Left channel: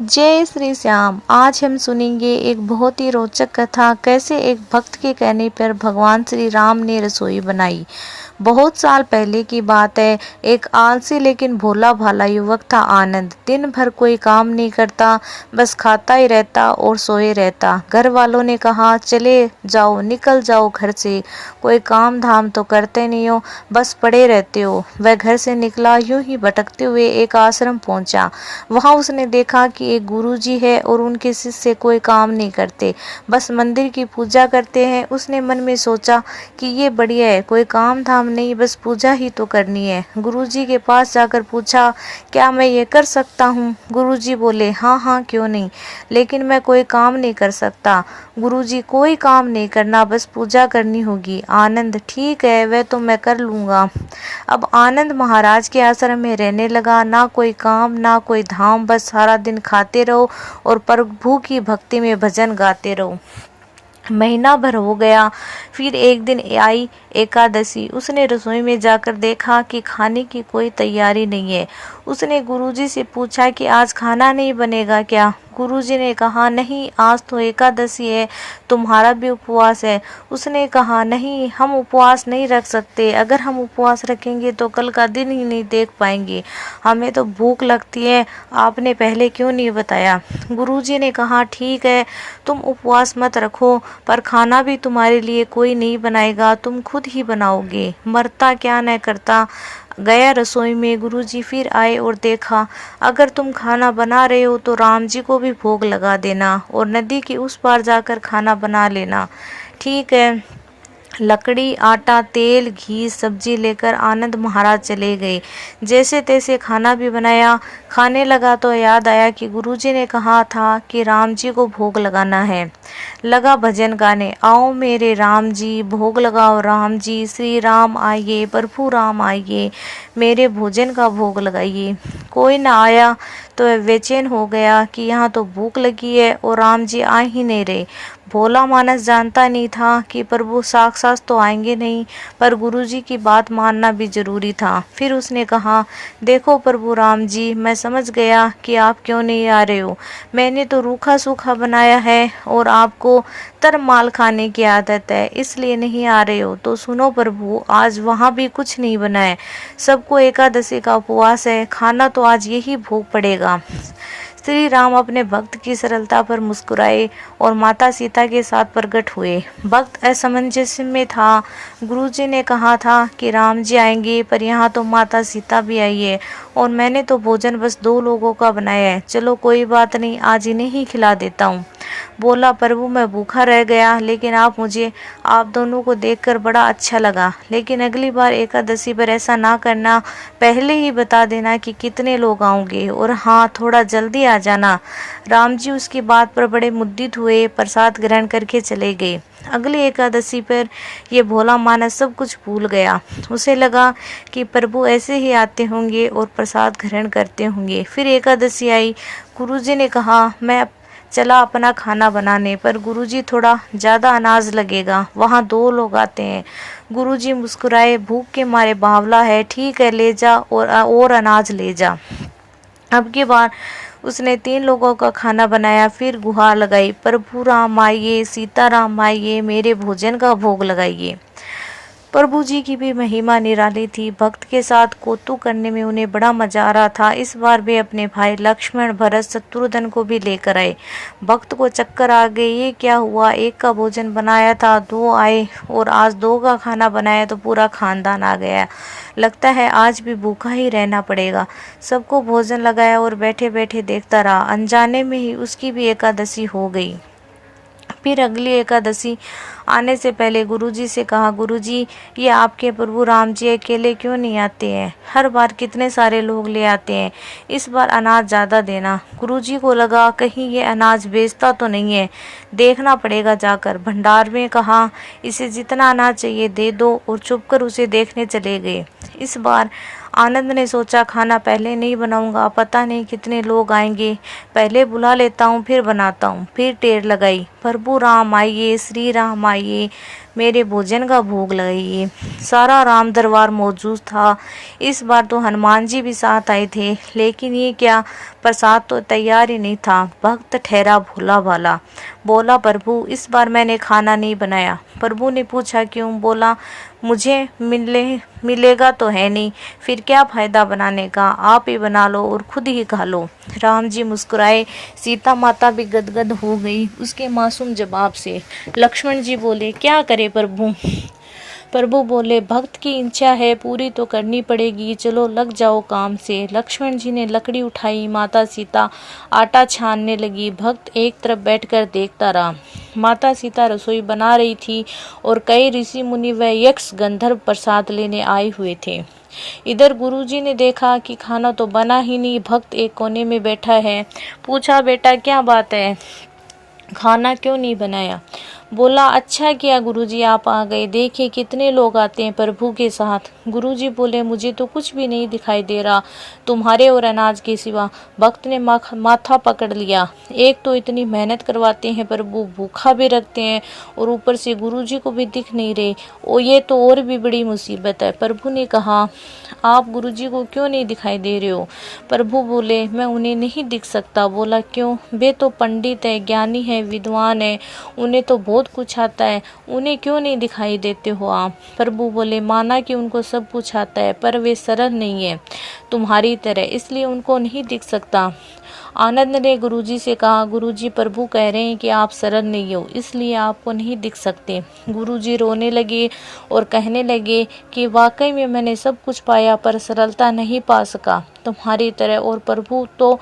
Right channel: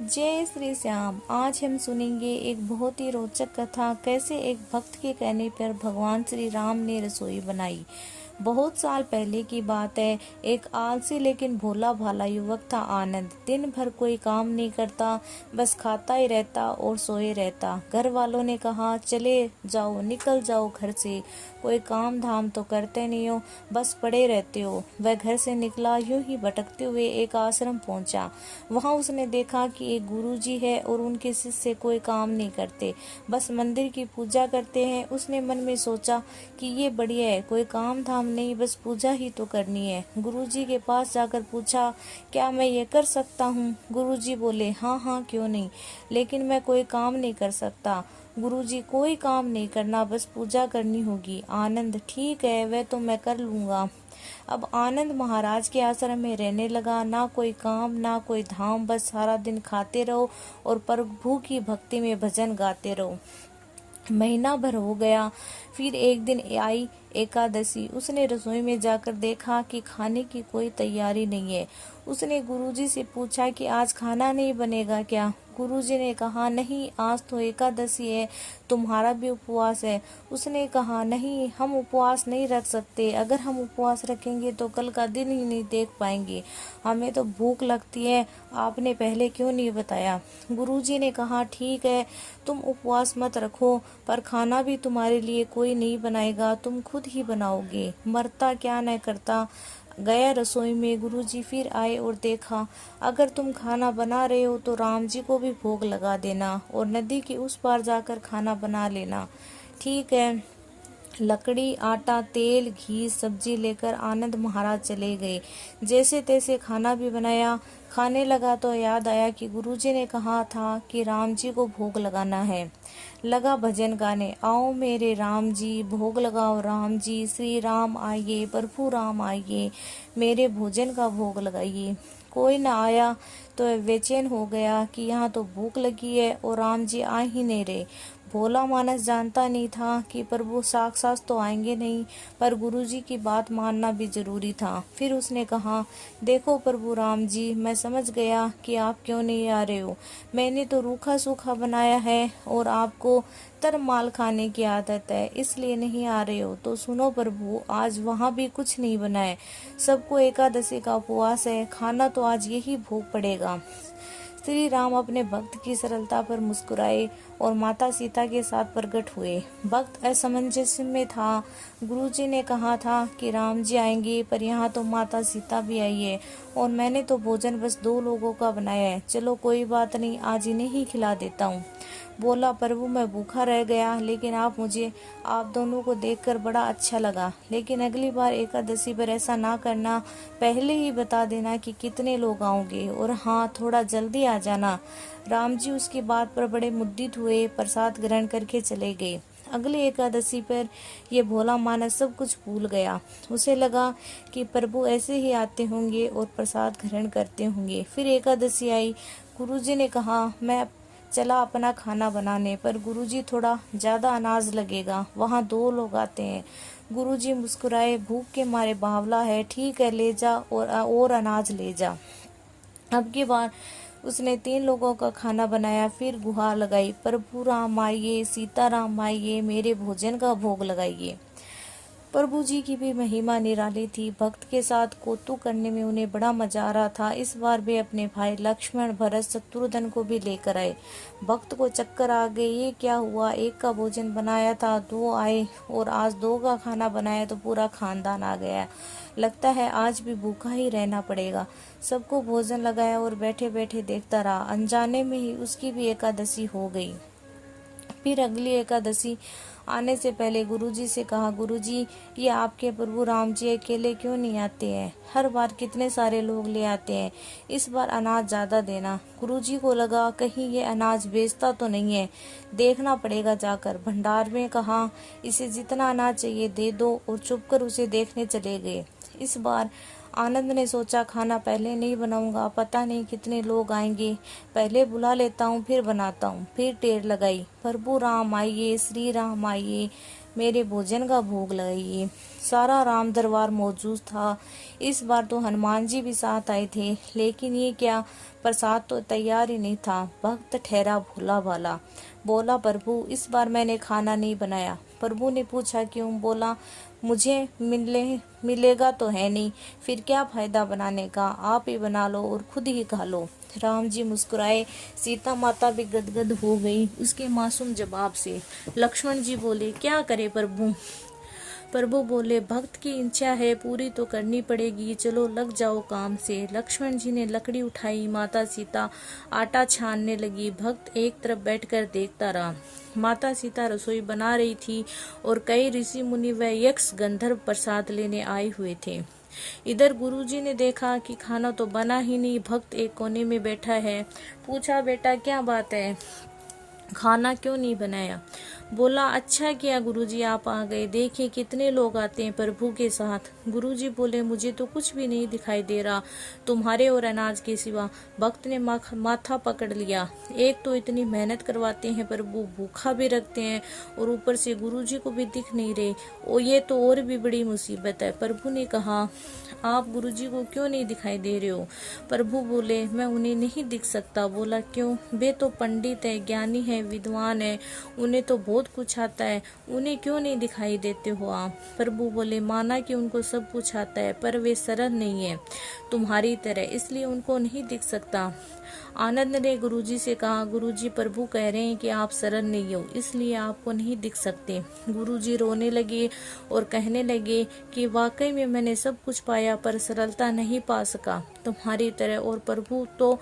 जय श्री श्याम। आज हम सुनेंगे एक बहुत ही रोचक कथा, कैसे एक भक्त के कहने पर भगवान श्री राम ने रसोई बनाई। बहुत साल पहले की बात है। एक आलसी लेकिन भोला भाला युवक था आनंद। दिन भर कोई काम नहीं करता, बस खाता ही रहता और सोए रहता। घर वालों ने कहा, चले जाओ, निकल जाओ घर से, कोई काम धाम तो करते नहीं हो, बस पड़े रहते हो। वह घर से निकला, यूं ही भटकते हुए एक आश्रम पहुंचा। वहां उसने देखा कि एक गुरुजी है और उनके शिष्य कोई काम नहीं करते, बस मंदिर की पूजा करते हैं। उसने मन में सोचा कि ये बढ़िया है, कोई काम धाम नहीं, बस पूजा ही तो करनी है। गुरुजी के पास जाकर पूछा, क्या मैं ये कर सकता हूँ? गुरुजी बोले, हाँ हाँ, क्यों नहीं, लेकिन मैं कोई काम नहीं कर सकता। गुरुजी, कोई काम नहीं करना, बस पूजा करनी होगी। आनंद, ठीक है, वह तो मैं कर लूँगा। अब आनंद महाराज के आश्रम में रहने लगा। ना कोई काम ना कोई धाम, बस सारा दिन खाते रहो और प्रभु की भक्ति में भजन गाते रहो। महीना भर हो गया। फिर एक दिन आई एकादशी। उसने रसोई में जाकर देखा कि खाने की कोई तैयारी नहीं है। उसने गुरुजी से पूछा कि आज खाना नहीं बनेगा क्या? गुरुजी ने कहा, नहीं, आज तो एकादशी है, तुम्हारा भी उपवास है। उसने कहा, नहीं, हम उपवास नहीं रख सकते। अगर हम उपवास रखेंगे तो कल का दिन ही नहीं देख पाएंगे, हमें तो भूख लगती है, आपने पहले क्यों नहीं बताया? गुरुजी ने कहा, ठीक है, तुम उपवास मत रखो, पर खाना भी तुम्हारे लिए कोई नहीं बनाएगा, तुम खुद ही बनाओगे। मरता क्या न करता। गया रसोई में। गुरुजी फिर आए और देखा, अगर तुम खाना बना रहे हो तो राम जी को भी भोग लगा देना और नदी के उस पार जाकर खाना बना लेना। ठीक है। लकड़ी, आटा, तेल, घी, सब्जी लेकर आनंद महाराज चले गए। जैसे तैसे खाना भी बनाया। खाने लगा तो याद आया कि गुरुजी ने कहा था कि राम जी को भोग लगाना है। लगा भजन गाने, आओ मेरे राम जी, भोग लगाओ राम जी, श्री राम आइए, प्रभु राम आइए, मेरे भोजन का भोग लगाइए। कोई न आया तो वह बेचैन हो गया कि यहाँ तो भूख लगी है और राम जी आ ही नहीं रहे। भोला मानस जानता नहीं था कि प्रभु साक्षात तो आएंगे नहीं, पर गुरुजी की बात मानना भी जरूरी था। फिर उसने कहा, देखो प्रभु राम जी, मैं समझ गया कि आप क्यों नहीं आ रहे हो। मैंने तो रूखा सूखा बनाया है और आपको तरमाल खाने की आदत है, इसलिए नहीं आ रहे हो। तो सुनो प्रभु, आज वहाँ भी कुछ नहीं बना है, सबको एकादशी का उपवास है, खाना तो आज यही भोग पड़ेगा। श्री राम अपने भक्त की सरलता पर मुस्कुराए और माता सीता के साथ प्रकट हुए। भक्त असमंजस में था। गुरुजी ने कहा था कि राम जी आएंगे, पर यहाँ तो माता सीता भी आई है और मैंने तो भोजन बस 2 लोगों का बनाया है। चलो कोई बात नहीं, आज इन्हें ही खिला देता हूँ। बोला, प्रभु मैं भूखा रह गया, लेकिन आप दोनों को देखकर बड़ा अच्छा लगा, लेकिन अगली बार एकादशी पर ऐसा ना करना, पहले ही बता देना कि कितने लोग आएंगे, और हाँ, थोड़ा जल्दी आ जाना। राम जी उसकी बात पर बड़े मुद्दित हुए, प्रसाद ग्रहण करके चले गए। अगली एकादशी पर ये भोला मानस सब कुछ भूल गया। उसे लगा कि प्रभु ऐसे ही आते होंगे और प्रसाद ग्रहण करते होंगे। फिर एकादशी आई। गुरुजी ने कहा, मैं चला अपना खाना बनाने, पर गुरुजी, थोड़ा ज़्यादा अनाज लगेगा, वहाँ 2 लोग आते हैं। गुरुजी मुस्कुराए, भूख के मारे बावला है, ठीक है, ले जा और अनाज ले जा। अब की बार उसने 3 लोगों का खाना बनाया। फिर गुहार लगाई, प्रभु राम आइए, सीता राम आइए, मेरे भोजन का भोग लगाइए। प्रभु जी की भी महिमा निराली थी। भक्त के साथ कौतुक करने में उन्हें बड़ा मजा आ रहा था। इस बार वे अपने भाई लक्ष्मण, भरत, शत्रुघ्न को भी लेकर आए। भक्त को चक्कर आ गए, ये क्या हुआ, एक का भोजन बनाया था, 2 आए, और आज 2 का खाना बनाया तो पूरा खानदान आ गया। लगता है आज भी भूखा ही रहना पड़ेगा। सबको भोजन लगाया और बैठे बैठे देखता रहा। अनजाने में ही उसकी भी एकादशी हो गई। फिर अगली एकादशी आने से पहले गुरुजी से कहा, गुरुजी, ये आपके प्रभु राम जी अकेले क्यों नहीं आते हैं? हर बार कितने सारे लोग ले आते हैं, इस बार अनाज ज़्यादा देना। गुरुजी को लगा कहीं ये अनाज बेचता तो नहीं है, देखना पड़ेगा जाकर। भंडार में कहा, इसे जितना अनाज चाहिए दे दो, और चुपकर उसे देखने चले गए। इस बार आनंद ने सोचा, खाना पहले नहीं बनाऊंगा, पता नहीं कितने लोग आएंगे, पहले बुला लेता हूँ फिर बनाता हूँ। फिर टेर लगाई, प्रभु राम आइए, श्री राम आइए, मेरे भोजन का भोग लगाइए। सारा राम दरबार मौजूद था। इस बार तो हनुमान जी भी साथ आए थे, लेकिन ये क्या, प्रसाद तो तैयार ही नहीं था। भक्त ठहरा भोला भाला, बोला, प्रभु इस बार मैंने खाना नहीं बनाया। प्रभु ने पूछा, क्यों? बोला, मुझे मिलेगा तो है नहीं, फिर क्या फायदा बनाने का, आप ही बना लो और खुद ही खा लो। राम जी मुस्कुराए, सीता माता भी गदगद हो गई उसके मासूम जवाब से। लक्ष्मण जी बोले, क्या करे प्रभु? प्रभु बोले, भक्त की इच्छा है, पूरी तो करनी पड़ेगी, चलो लग जाओ काम से। लक्ष्मण जी ने लकड़ी उठाई, माता सीता आटा छानने लगी। भक्त एक तरफ बैठकर देखता रहा। माता सीता रसोई बना रही थी और कई ऋषि मुनि व यक्ष गंधर्व प्रसाद लेने आए हुए थे। इधर गुरुजी ने देखा कि खाना तो बना ही नहीं, भक्त एक कोने में बैठा है। पूछा, बेटा क्या बात है, खाना क्यों नहीं बनाया? बोला, अच्छा किया गुरुजी आप आ गए, देखिए कितने लोग आते हैं प्रभु के साथ। गुरुजी बोले, मुझे तो कुछ भी नहीं दिखाई दे रहा तुम्हारे और अनाज के सिवा। भक्त ने माथा पकड़ लिया, एक तो इतनी मेहनत करवाते हैं प्रभु, भूखा भी रखते हैं और ऊपर से गुरुजी को भी दिख नहीं रहे, ये तो और भी बड़ी मुसीबत है। प्रभु ने कहा, आप गुरुजी को क्यों नहीं दिखाई दे रहे हो? प्रभु बोले, मैं उन्हें नहीं दिख सकता। बोला, क्यों? वे तो पंडित है, ज्ञानी है, विद्वान है, उन्हें तो बहुत कुछ आता है, उन्हें क्यों नहीं दिखाई देते हो आप? प्रभु बोले, माना कि उनको सब कुछ आता है, पर वे सरल नहीं है तुम्हारी तरह, इसलिए उनको नहीं दिख सकता। आनंद ने गुरुजी से कहा, गुरुजी प्रभु कह रहे हैं कि आप सरल नहीं हो, इसलिए आपको नहीं दिख सकते। गुरुजी रोने लगे और कहने लगे कि वाकई में मैंने सब कुछ पाया पर सरलता नहीं पा सका तुम्हारी तरह, और प्रभु तो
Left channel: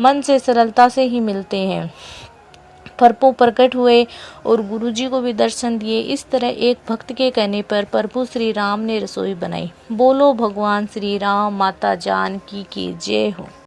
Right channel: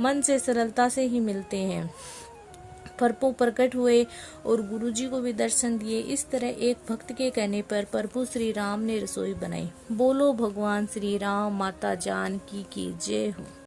मन से सरलता से ही मिलते हैं। प्रभु प्रकट हुए और गुरुजी को भी दर्शन दिए। इस तरह एक भक्त के कहने पर प्रभु श्री राम ने रसोई बनाई। बोलो भगवान श्री राम माता जानकी की जय हो।